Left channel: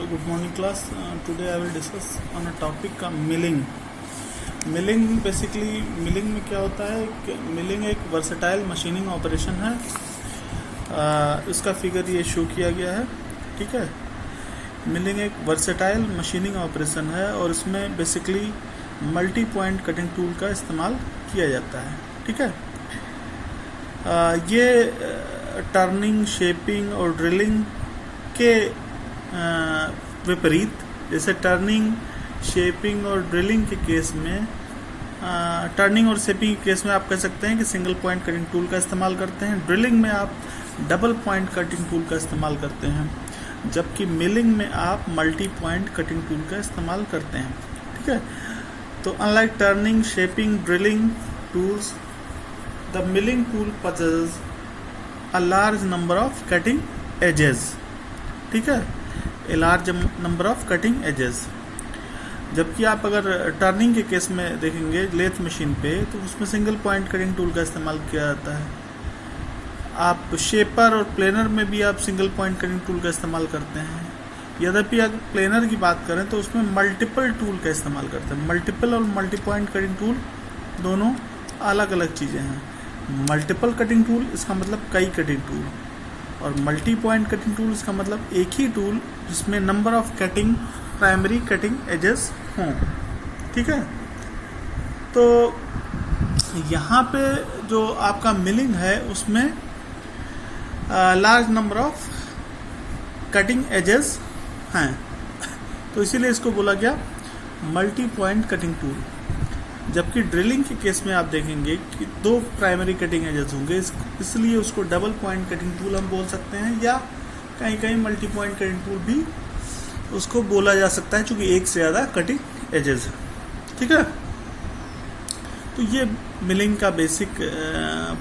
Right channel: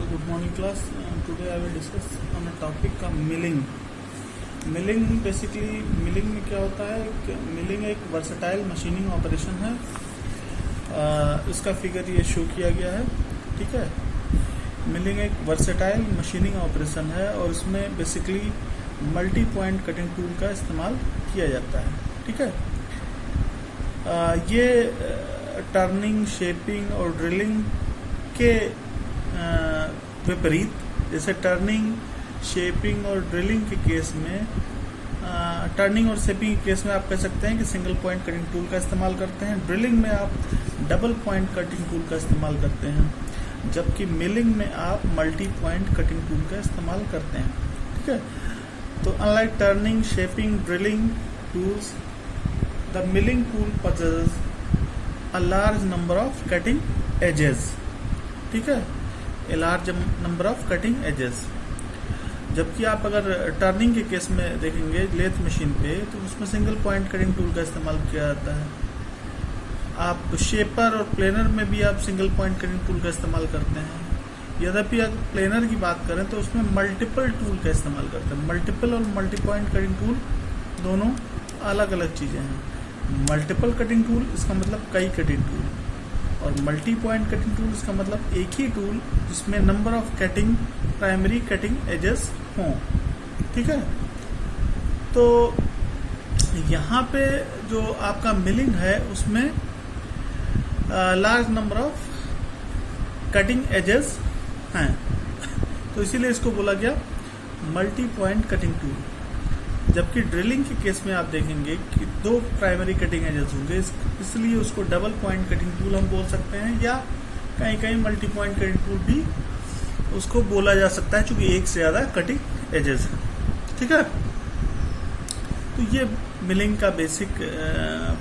Good morning class. Today I will discuss on a topic milling. Milling में क्या होता है कि मिलिंग एक वर्सेटाइल मशीनिंग ऑपरेशन है. इसका फिगर ये शो किया गया है. ठीक है. मिलिंग एक वर्सेटाइल मशीनिंग ऑपरेशन है और इसमें basically multi point cutting tool का इस्तेमाल किया जाता है. ठीक है. ये टर्निंग, शेपिंग और ड्रिलिंग के विपरीत, जैसे टर्निंग, शेपिंग और ड्रिलिंग के केस में, टर्निंग और शेपिंग के केस में आप कह सकते हैं कि सिंगल पॉइंट कटिंग टूल का इस्तेमाल करते हैं. ड्रिलिंग में आप डबल पॉइंट कटिंग टूल का इस्तेमाल करते हैं, जबकि मिलिंग में आप मल्टी पॉइंट कटिंग टूल का इस्तेमाल करते हैं. ठीक है. तो unlike turning, shaping, drilling tools, the milling tool possesses a large number of cutting edges. ठीक है. A large number of cutting edges. जबकि आप अगर टर्निंग के केस में देखेंगे लेथ मशीन पे, तो उसमें सिंगल पॉइंट कटिंग टूल का इस्तेमाल किया जाता है. आप शेपर और प्लेनर में भी आप सिंगल पॉइंट कटिंग टूल का इस्तेमाल करते हैं. यद्यपि अगर प्लेनर की बात करें तो उसमें मल्टीपल टूल का इस्तेमाल करते हैं. मल्टीपल और मल्टी पॉइंट कटिंग टूल दोनों अलग अलग चीज़ें हैं. मल्टीपल कटिंग टूल इसका मतलब कई कटिंग टूल, और मल्टी पॉइंट कटिंग टूल इसका मतलब एक ही टूल जिसमें number of cutting, primary cutting edges हों. ठीक है. तो यहाँ पे जो आपका मिलिंग है उसमें large number of cutting edges हैं, तो इसीलिए इसको बोला गया मल्टी पॉइंट कटिंग टूल. जबकि ड्रिलिंग के केस में आप देखेंगे कि दो प्राइमरी कटिंग एजेस होंगे, इसलिए उसको डबल पॉइंट कटिंग टूल हम बोल सकते हैं, या कहीं कहीं मल्टी पॉइंट कटिंग टूल भी उसको बोला जा सकता है, क्योंकि एक से ज़्यादा कटिंग एजेस है. ठीक है. तो ये मिलिंग का बेसिक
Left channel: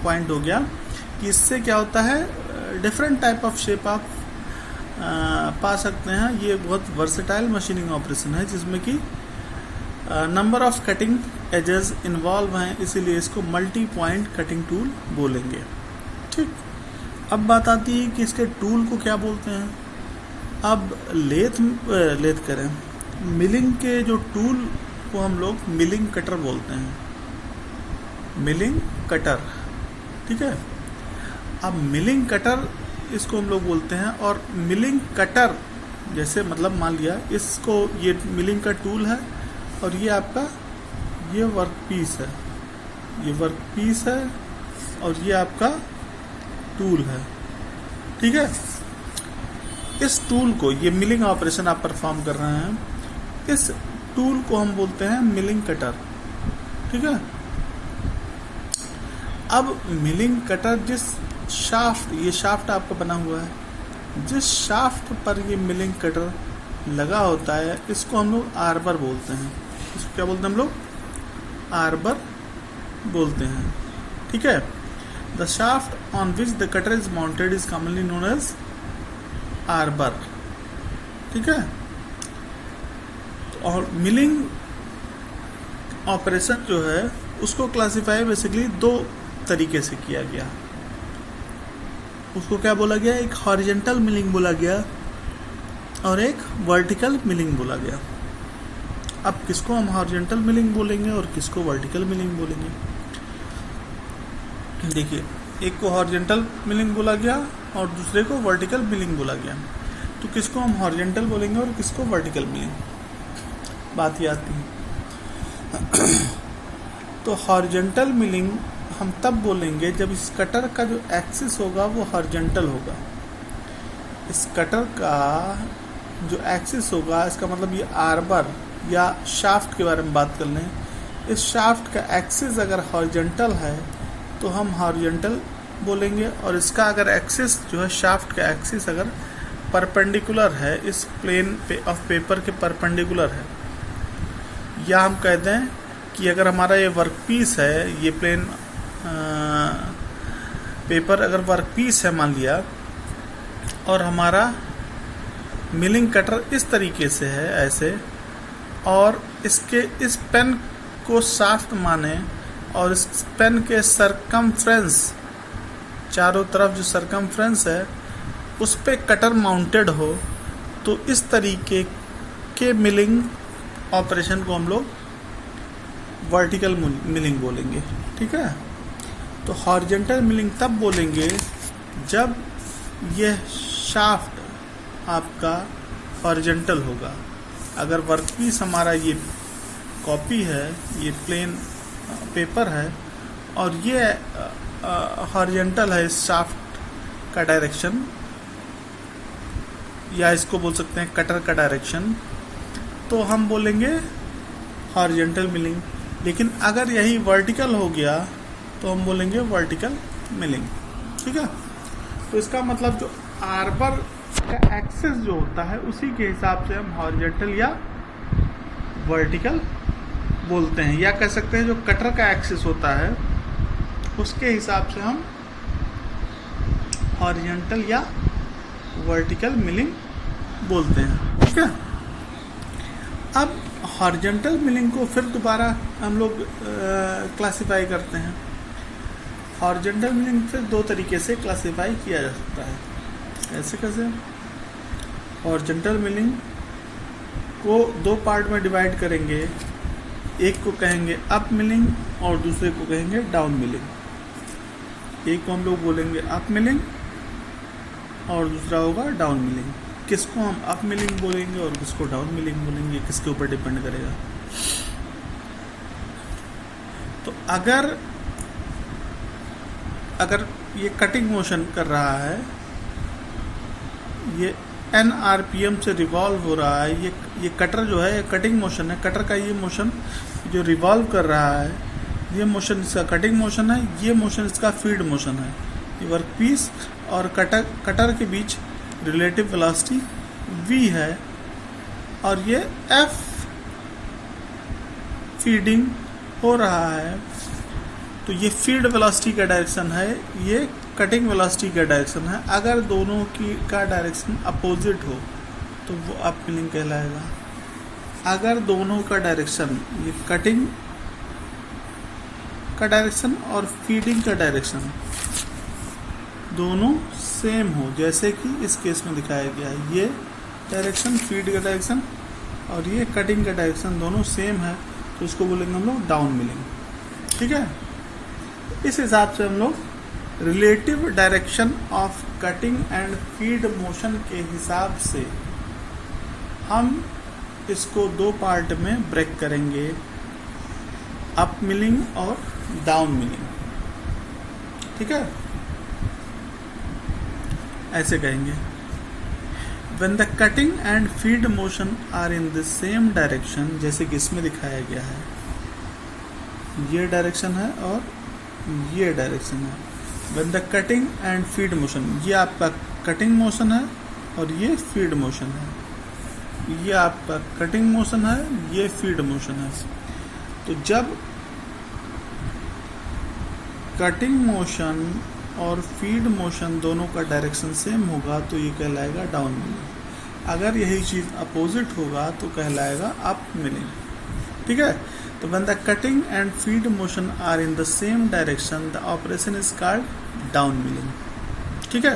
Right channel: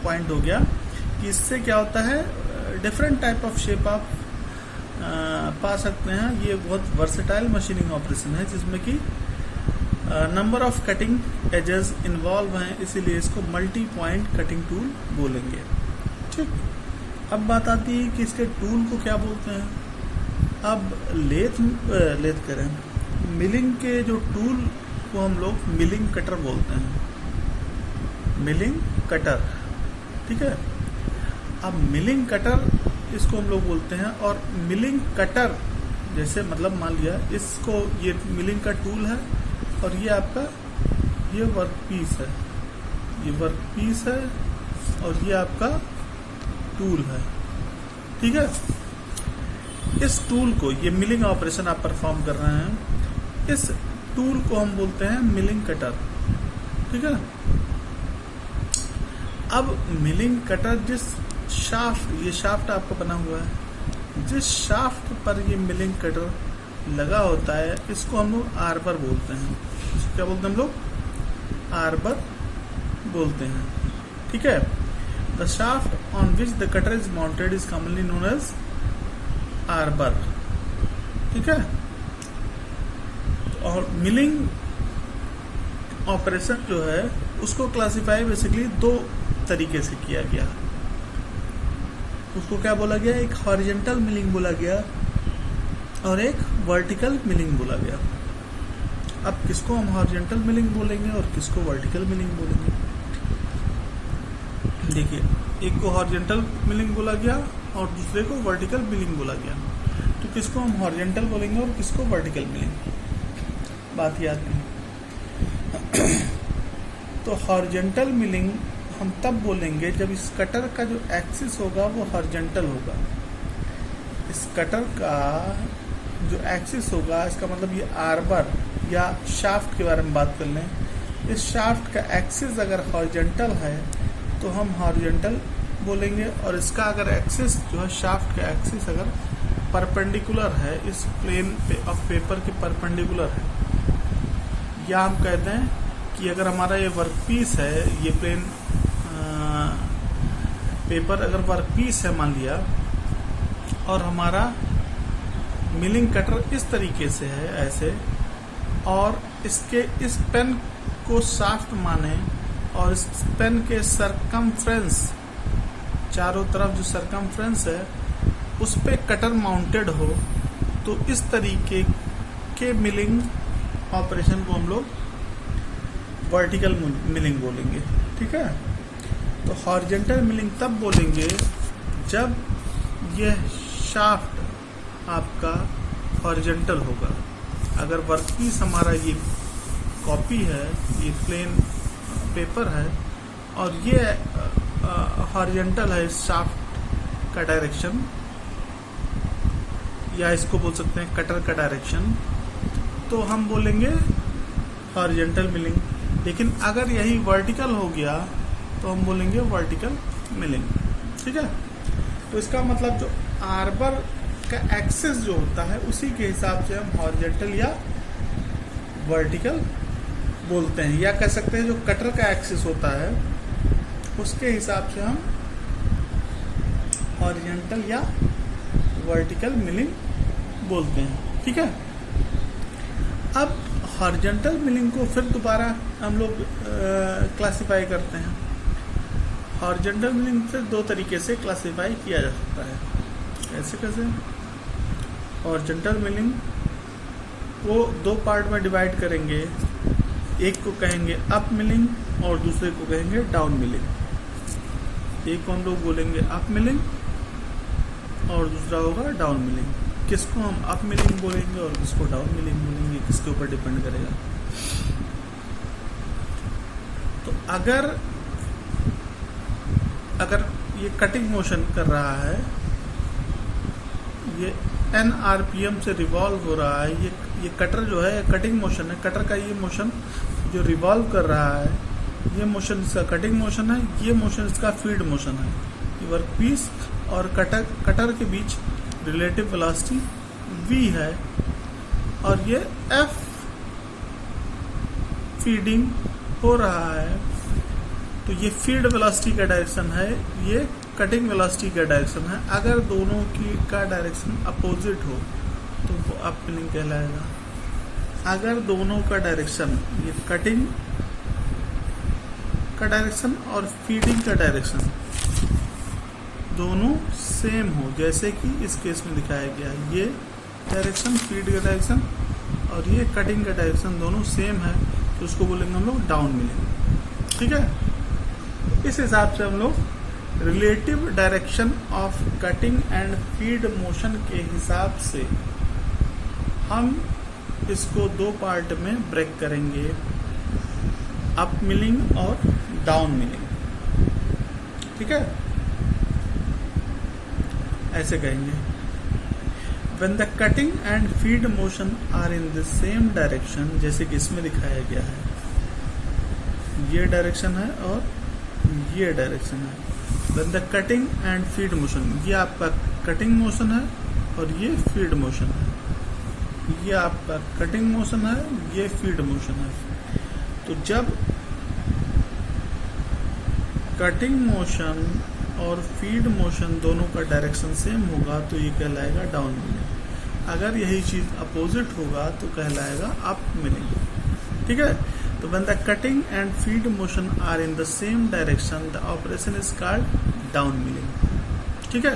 पॉइंट हो गया कि इससे क्या होता है, डिफरेंट टाइप ऑफ शेप आप पा सकते हैं. ये बहुत वर्सेटाइल मशीनिंग ऑपरेशन है जिसमें कि number of cutting edges involve हैं, इसीलिए इसको मल्टी पॉइंट कटिंग टूल बोलेंगे. ठीक. अब बात आती है कि इसके टूल को क्या बोलते हैं. अब लेथ करें, मिलिंग के जो टूल को हम लोग मिलिंग कटर बोलते हैं. Milling cutter. ठीक है. अब मिलिंग कटर इसको हम लोग बोलते हैं, और मिलिंग कटर जैसे मतलब मान लिया इसको, ये मिलिंग का टूल है और ये आपका ये वर्क पीस है, ये वर्क पीस है और ये आपका टूल है. ठीक है. इस टूल को, ये मिलिंग ऑपरेशन आप परफॉर्म कर रहे हैं, इस टूल को हम बोलते हैं मिलिंग कटर. ठीक है. अब मिलिंग कटर जिस शाफ्ट, ये शाफ्ट आपका बना हुआ है, जिस शाफ्ट पर ये मिलिंग कटर लगा होता है, इसको हम लोग आर्बर बोलते हैं. इसको क्या बोलते हैं हम लोग? आर्बर बोलते हैं. ठीक है. The shaft on which the cutter is mounted is commonly known as arbor. ठीक है. और मिलिंग ऑपरेशन जो है उसको क्लासिफाई बेसिकली दो तरीके से किया गया. उसको क्या बोला गया? एक हॉरिजॉन्टल मिलिंग बोला गया और एक वर्टिकल मिलिंग बोला गया. अब किसको हम हॉरिजॉन्टल मिलिंग बोलेंगे और किसको वर्टिकल मिलिंग बोलेंगे? देखिए, एक को हॉरिजॉन्टल मिलिंग बोला गया और दूसरे को वर्टिकल मिलिंग बोला गया. तो किसको हम हॉरिजॉन्टल बोलेंगे और किसको वर्टिकल मिलिंग? बात ये आती है. तो हॉरिजॉन्टल मिलिंग हम तब बोलेंगे जब इस कटर का जो एक्सिस होगा वो हॉरिजॉन्टल होगा. इस कटर का जो एक्सिस होगा, इसका मतलब ये आर्बर या शाफ्ट के बारे में बात कर लें, इस शाफ्ट का एक्सिस अगर हॉरिजॉन्टल है तो हम हॉरिजॉन्टल बोलेंगे, और इसका अगर एक्सिस जो है, शाफ्ट का एक्सिस अगर परपेंडिकुलर है, इस प्लेन ऑफ पेपर के परपेंडिकुलर है, या हम कहते हैं कि अगर हमारा ये वर्क पीस है, ये प्लेन पेपर अगर वर्क पीस है मान लिया, और हमारा मिलिंग कटर इस तरीके से है ऐसे, और इसके इस पेन को शाफ्ट माने और इस पेन के सरकमफ्रेंस, चारों तरफ जो सरकमफ्रेंस है उस पे कटर माउंटेड हो, तो इस तरीके के मिलिंग ऑपरेशन को हम लोग वर्टिकल मिलिंग बोलेंगे। ठीक है, तो हॉरिजॉन्टल मिलिंग तब बोलेंगे जब यह शाफ्ट आपका हॉरिजॉन्टल होगा। अगर वर्कपीस हमारा ये कॉपी है, ये प्लेन पेपर है और ये हॉरिजॉन्टल है, इस शाफ्ट का डायरेक्शन, या इसको बोल सकते हैं कटर का डायरेक्शन, तो हम बोलेंगे हॉरिजॉन्टल मिलिंग। लेकिन अगर यही वर्टिकल हो गया तो हम बोलेंगे वर्टिकल मिलिंग। ठीक है, तो इसका मतलब जो आर्बर का एक्सिस जो होता है उसी के हिसाब से हम हॉरिजॉन्टल या वर्टिकल बोलते हैं, या कह सकते हैं जो कटर का एक्सिस होता है उसके हिसाब से हम हॉरिजॉन्टल या वर्टिकल मिलिंग बोलते हैं। ठीक है, अब हॉरिजॉन्टल मिलिंग को फिर दोबारा हम लोग क्लासिफाई करते हैं। हॉरिजॉन्टल मिलिंग फिर दो तरीके से क्लासिफाई किया जा सकता है। ऐसे कैसे? हॉरिजॉन्टल मिलिंग को दो पार्ट में डिवाइड करेंगे, एक को कहेंगे अप मिलिंग और दूसरे को कहेंगे डाउन मिलिंग। एक को हम लोग बोलेंगे अप मिलिंग और दूसरा होगा डाउन मिलिंग। किसको हम अप मिलिंग बोलेंगे और किसको डाउन मिलिंग बोलेंगे, किसके ऊपर डिपेंड करेगा। तो अगर ये कटिंग मोशन कर रहा है, ये n RPM से रिवॉल्व हो रहा है, ये कटर जो है ये कटिंग मोशन है। कटर का ये मोशन जो रिवॉल्व कर रहा है, ये मोशन इसका कटिंग मोशन है, ये मोशन इसका फीड मोशन है। ये वर्कपीस और कटर के बीच रिलेटिव वेलोसिटी v है और ये F फीडिंग हो रहा है, तो ये फीड वेलोसिटी का डायरेक्शन है, ये कटिंग वेलोसिटी का डायरेक्शन है। अगर दोनों की का डायरेक्शन अपोजिट हो तो वो अप मिलिंग कहलाएगा। अगर दोनों का डायरेक्शन, ये कटिंग का डायरेक्शन और फीडिंग का डायरेक्शन दोनों सेम हो, जैसे कि इस केस में दिखाया गया है, ये डायरेक्शन फीड का डायरेक्शन और ये कटिंग का डायरेक्शन दोनों सेम है, तो इसको बोलेंगे हम लोग डाउन मिलिंग। ठीक है, इस हिसाब से हम लोग relative direction of cutting and feed motion के हिसाब से हम इसको दो पार्ट में ब्रेक करेंगे, अप मिलिंग और डाउन मिलिंग। ठीक है, ऐसे कहेंगे। When the cutting and feed motion are in the same direction, जैसे कि इसमें दिखाया गया है, ये डायरेक्शन है और ये डायरेक्शन है। When the cutting and feed motion, ये आपका कटिंग मोशन है और ये फीड मोशन है। ये आपका कटिंग मोशन है, ये फीड मोशन है। तो जब कटिंग मोशन और फीड मोशन दोनों का डायरेक्शन सेम होगा तो ये कहलाएगा डाउन मिलिंग। अगर यही चीज अपोजिट होगा तो कहलाएगा अप मिलिंग। ठीक है, तो when the cutting and feed motion are in the same direction, the operation is called down milling। ठीक है,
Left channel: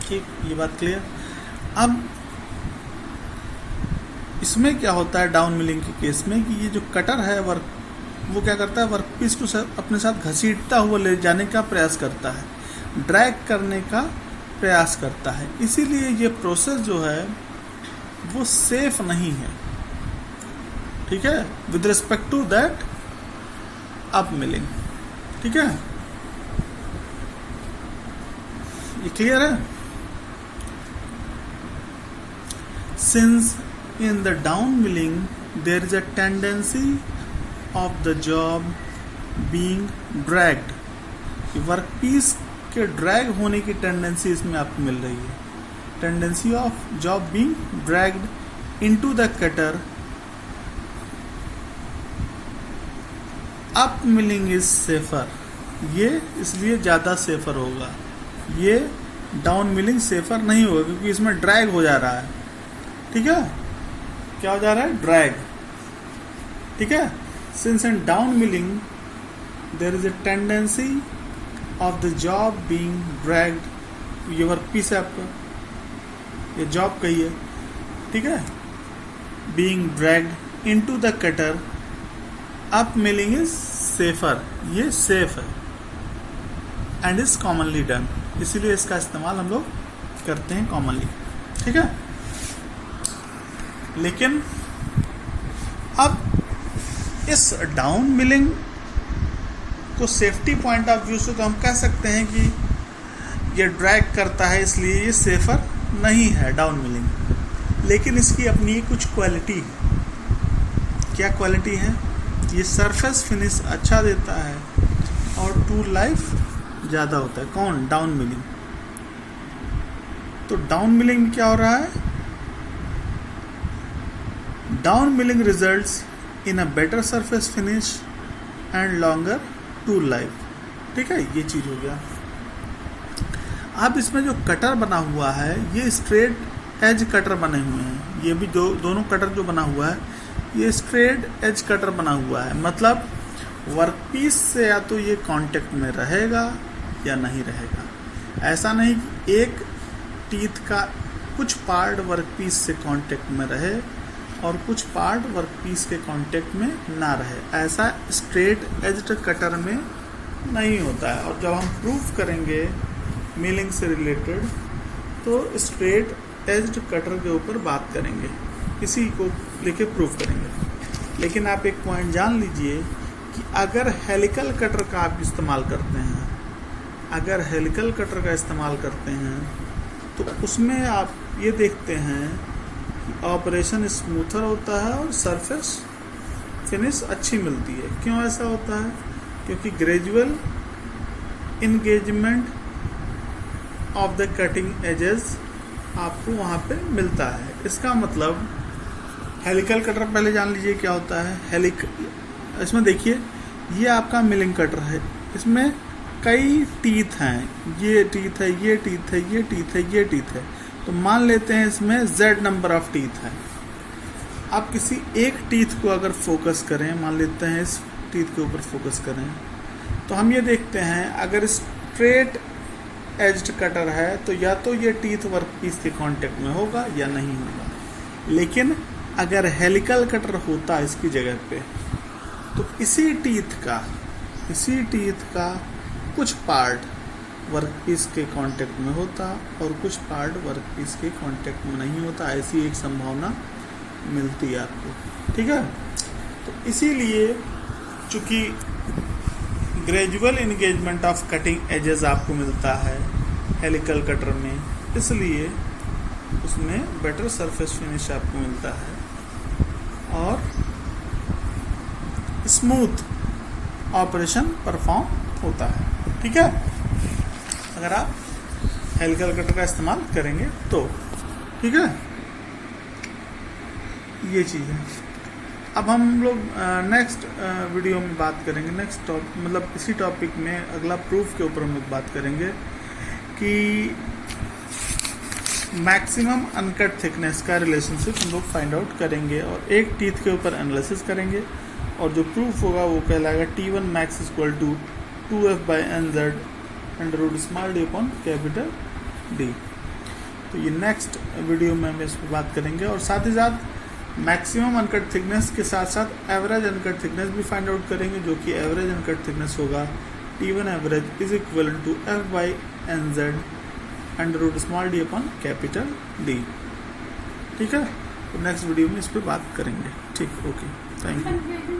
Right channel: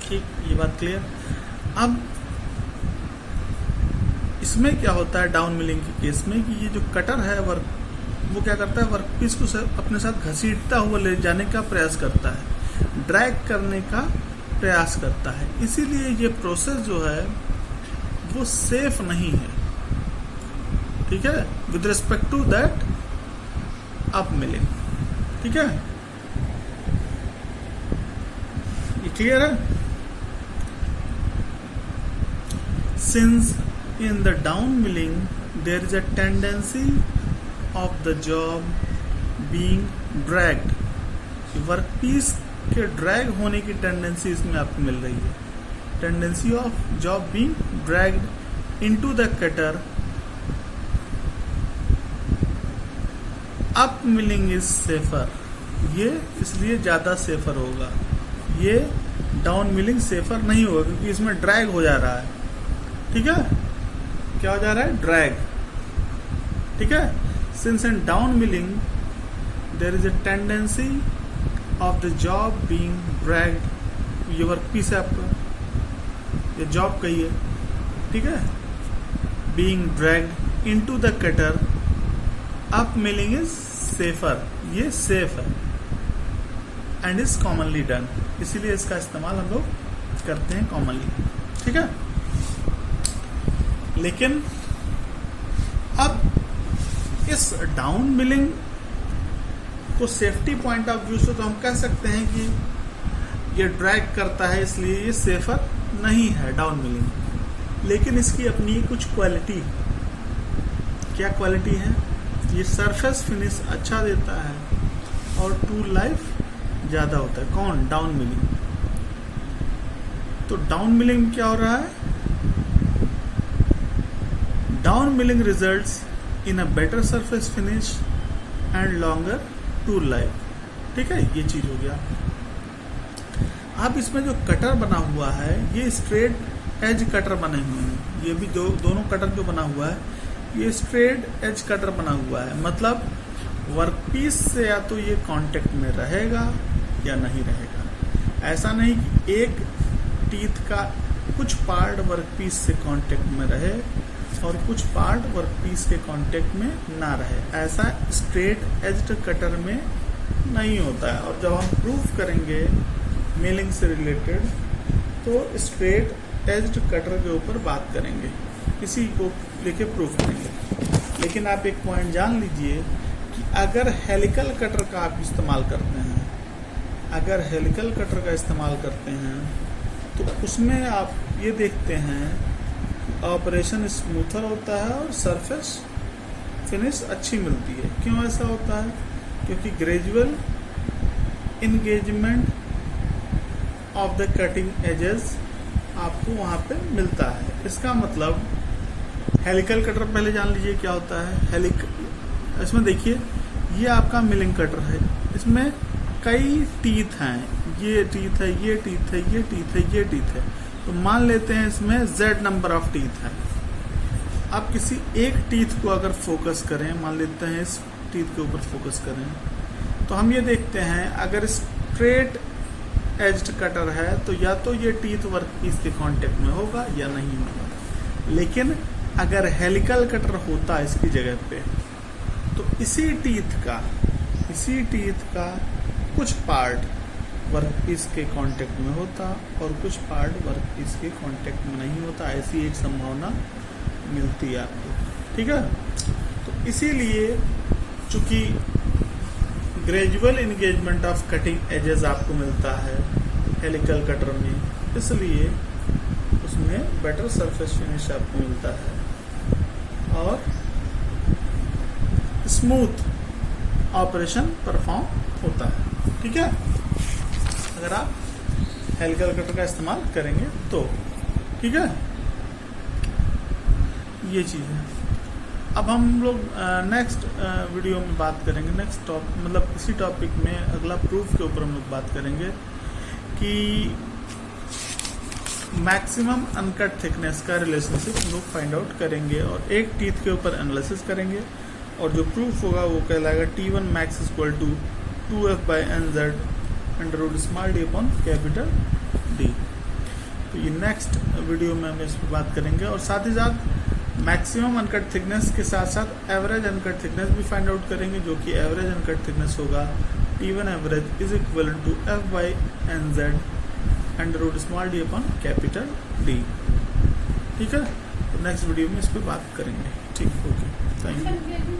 ठीक, ये बात क्लियर। अब इसमें क्या होता है डाउन मिलिंग के केस में कि ये जो कटर है वो क्या करता है, वर्कपीस को अपने साथ घसीटता हुआ ले जाने का प्रयास करता है, ड्रैग करने का प्रयास करता है। इसीलिए ये प्रोसेस जो है वो सेफ नहीं है। ठीक है, with respect to that up milling. ठीक है, ये क्लियर है। Since in the down milling there is a tendency of the job being dragged, workpiece के ड्रैग होने की टेंडेंसी इसमें आपको मिल रही है। Tendency of job being dragged into the cutter. Up milling is safer, ये इसलिए ज्यादा सेफर होगा। ये डाउन मिलिंग सेफर नहीं होगा क्योंकि इसमें ड्रैग हो जा रहा है। ठीक है, क्या हो जा रहा है, ड्रैग। ठीक है, since in down milling there is a tendency of the job being dragged, ये वर्कपीस है आपका, ये जॉब का ही है, ठीक है। Being dragged into the cutter, up milling is safer, ये सेफ है, एंड इज कॉमनली डन, इसीलिए इसका इस्तेमाल हम लोग करते हैं कॉमनली, ठीक है। लेकिन अब इस डाउन मिलिंग को सेफ्टी पॉइंट ऑफ व्यू से तो हम कह सकते हैं कि ये ड्रैग करता है इसलिए ये सेफर नहीं है डाउन मिलिंग, लेकिन इसकी अपनी कुछ क्वालिटी, क्या क्वालिटी है, ये सरफेस फिनिश अच्छा देता है और टूल लाइफ ज़्यादा होता है। कौन? Down milling. तो डाउन मिलिंग क्या हो रहा है? Down milling results in a better surface finish and longer tool life, ठीक है, ये चीज हो गया। अब इसमें जो कटर बना हुआ है ये स्ट्रेट एज कटर बने हुए हैं, ये भी दोनों कटर जो बना हुआ है ये स्ट्रेट एज कटर बना हुआ है, मतलब वर्कपीस से या तो ये कांटेक्ट में रहेगा या नहीं रहेगा। ऐसा नहीं कि एक टीथ का कुछ पार्ट वर्कपीस से कांटेक्ट में रहे और कुछ पार्ट वर्कपीस के कांटेक्ट में ना रहे, ऐसा स्ट्रेट एज्ड कटर में नहीं होता है। और जब हम प्रूफ करेंगे मिलिंग से रिलेटेड तो स्ट्रेट एज्ड कटर के ऊपर बात करेंगे, इसी को लेके प्रूफ करेंगे। लेकिन आप एक पॉइंट जान लीजिए कि अगर हेलिकल कटर का आप इस्तेमाल करते हैं, अगर हेलिकल कटर का इस्तेमाल करते हैं तो उसमें आप ये देखते हैं ऑपरेशन स्मूथर होता है और सरफेस फिनिश अच्छी मिलती है। क्यों ऐसा होता है? क्योंकि gradual engagement of the cutting edges आपको वहां पे मिलता है। इसका मतलब हेलिकल कटर पहले जान लीजिए क्या होता है। इसमें देखिए ये आपका मिलिंग कटर है, इसमें कई टीथ हैं, ये टीथ है, ये टीथ है, ये टीथ है, ये टीथ है। तो मान लेते हैं इसमें Z नंबर ऑफ टीथ है। आप किसी एक टीथ को अगर फोकस करें, मान लेते हैं इस टीथ के ऊपर फोकस करें, तो हम ये देखते हैं अगर स्ट्रेट एज्ड कटर है तो या तो ये टीथ वर्कपीस के कांटेक्ट में होगा या नहीं होगा। लेकिन अगर हेलिकल कटर होता इसकी जगह पे तो इसी टीथ का कुछ पार्ट वर्कपीस के कांटेक्ट में होता और कुछ पार्ट वर्कपीस के कांटेक्ट में नहीं होता, ऐसी एक संभावना मिलती है आपको, ठीक है। तो इसीलिए चूंकि gradual engagement of cutting edges आपको मिलता है हेलिकल कटर में, इसलिए उसमें बेटर सरफेस फिनिश आपको मिलता है और स्मूथ ऑपरेशन परफॉर्म होता है, ठीक है, अगर आप हेलिकल कटर का इस्तेमाल करेंगे तो, ठीक है। ये चीज है। अब हम लोग नेक्स्ट वीडियो में बात करेंगे, नेक्स्ट टॉपिक मतलब इसी टॉपिक में अगला प्रूफ के ऊपर हम लोग बात करेंगे कि मैक्सिमम अनकट थिकनेस का रिलेशनशिप हम लोग फाइंड आउट करेंगे और एक टीथ के ऊपर एनालिसिस करेंगे और जो प्रूफ होगा वो कहलाएगा T1 max equal to 2f/nz under small d upon capital D। तो ये नेक्स्ट वीडियो में हम इस पर बात करेंगे और साथ ही साथ मैक्सिमम अनकट थिकनेस के साथ साथ एवरेज अनकट थिकनेस भी फाइंड आउट करेंगे, जो कि एवरेज अनकट थिकनेस होगा T1 average is equal to f/nz under small d upon capital D, ठीक है। तो नेक्स्ट वीडियो में इस पर बात करेंगे, ठीक, ओके, थैंक यू।